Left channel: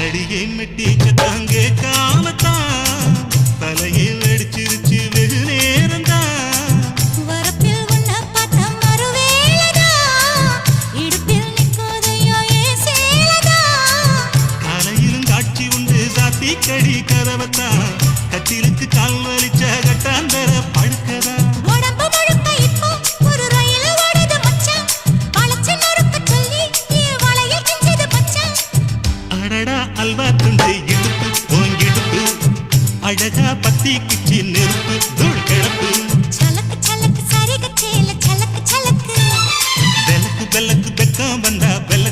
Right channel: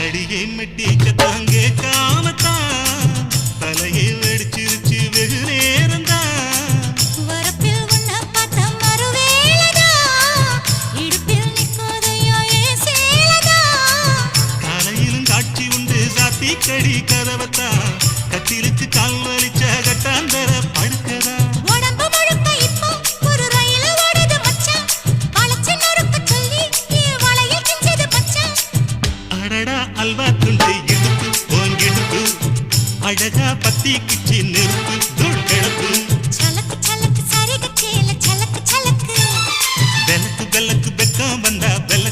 அடியை மெட்டி சத்தம் கேட்காமத்தான் தலையை வெடிச்சிருச்சு வெகு சேலைதா. காலையிலும் காட்சி உண்டு சாத்தி கடி கதவத்தான் அடடா அல்வா துண்டு இடுப்பு போங்கிடுப்பு அழகா பத்தி கிச்சி நெருப்பு தூள் கிளப்பு. சலக்கு சலக்கு சரிகச் சேல சலக்கு சலக்கு. வெலக்கு வெலக்கு வெக்கம் வந்தா வெல